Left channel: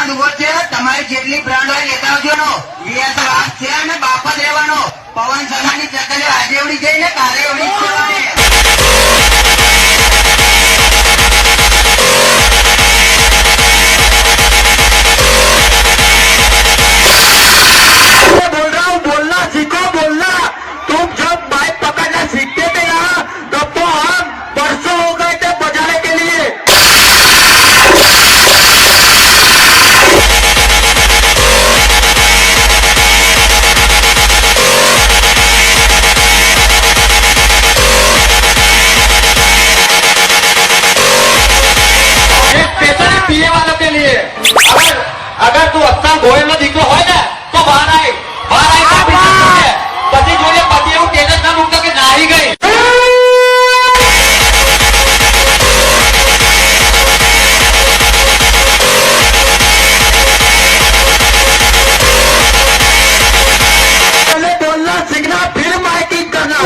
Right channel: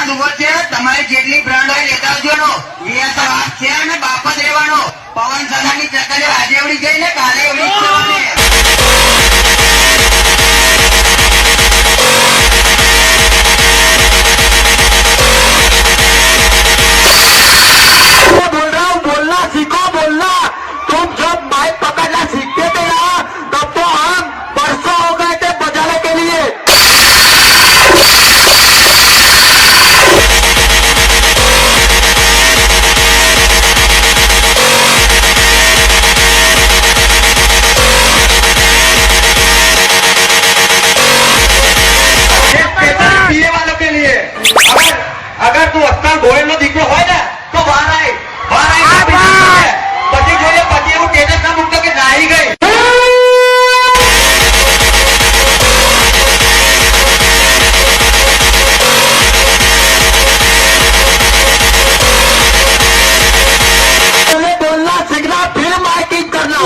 આનંદ ઉભો છે. તમારી જેટલી બ્રાન્ડ હોય લેતા આવજો નો. વીએસઆર હાથ છે અને બાપ જ રહેવાનો. પવન શર્માની ચકલીઓ આજે એવડી ગઈ ને કાલે એવડી જ જવાની. अगर तू અત્યાર ગોયલ નો દીકરો હોય ને તો બહાર આય પછી જોઈએ પછી એવું ટેટસ ના મૂકતો કે નાહી ગઈ. बोलना सीखना फिर माइकिंग करना.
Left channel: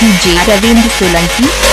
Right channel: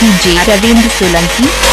DJ Ravindra Solanki.